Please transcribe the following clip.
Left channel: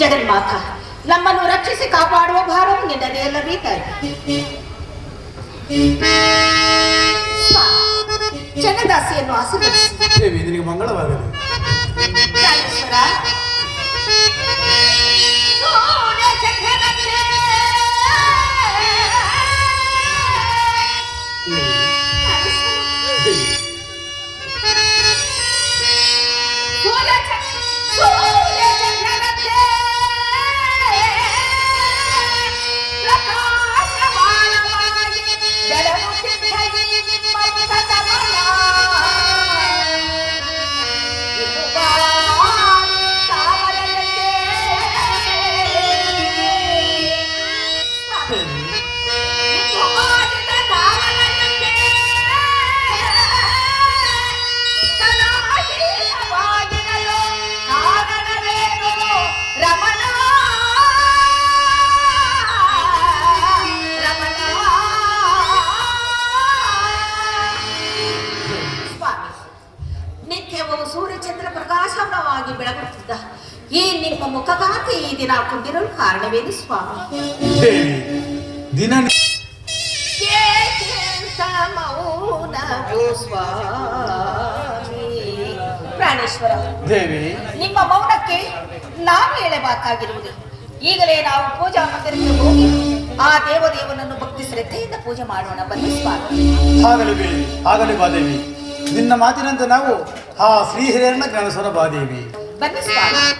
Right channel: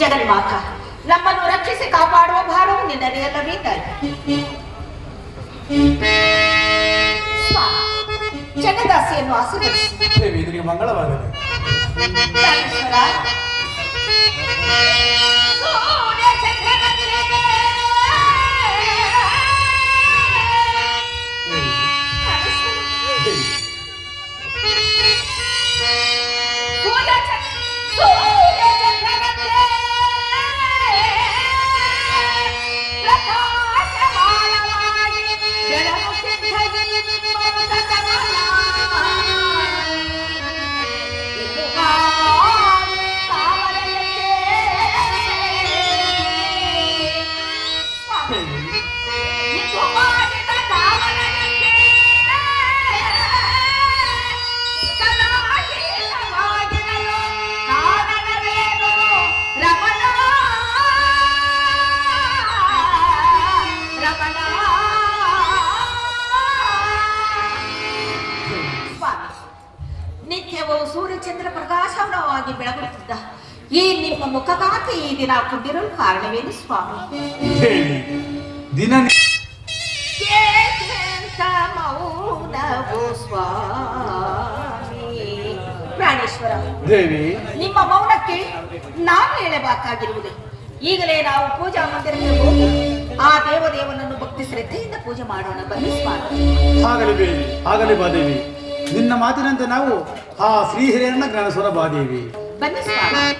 ಜಗನ್ಮಾತ ನಮ್ಮನ್ನು ರಕ್ಷಿಸಿ ಕಾಪಾಡುವ ಭಾರವು ನಿನ್ನದೇ ಅಲ್ಲವೇ ತಾಯಿ. ಜಗದಾಸಿಯನ್ನು ಆಶೀರ್ವದಿಸಿ ನಿನಗೆ ಮಂಗಳವಾಗಲಿ. ನಿತ್ಯವೂ ಸೂರ್ಯಚಂದ್ರ ಪ್ರಕಾಶವಾಗಿ ಬೆಳಗುತ್ತಿದ್ದ ಈ ನಿಮ್ಮ ಮುಖಕಾಂತಿ ಈ ದಿನ ಕುಂದಿರಲು ಕಾರಣವೇನು ಸ್ವಾಮಿ? ದಿನ ಪ್ರಾಣೇಶ್ವರ ದೇವಿ, ನಿಮ್ಮ ಮೌನಕ್ಕೆ ನಾವು ಹೇಳಬೇಕಾಗಿರುವುದು, ಈಗಲೇ ನಾವು ಪೂಜಾ ಮಂದಿರಕ್ಕೆ ಹೋಗಿ ಆ ದೇವದೇವನನ್ನು ಭಕ್ತಿ ಶ್ರದ್ಧೆಯಿಂದ ಪೂಜೆ ಮಾಡೋಣ ಬನ್ನಿ ಸ್ವಾಮಿ. ಆಗಲಿ ಬಾದೇವಿ, ನಿನ್ನ ಮಾತಿನಂತೆ ನಾವು ಆ ಶ್ರೀಹಿರಿಯಣ್ಣ ಜ್ಞಾನೇಶ್ವರ ಬಾದೇವಿ ಬನ್ನಿ ಸ್ವಾಮಿ.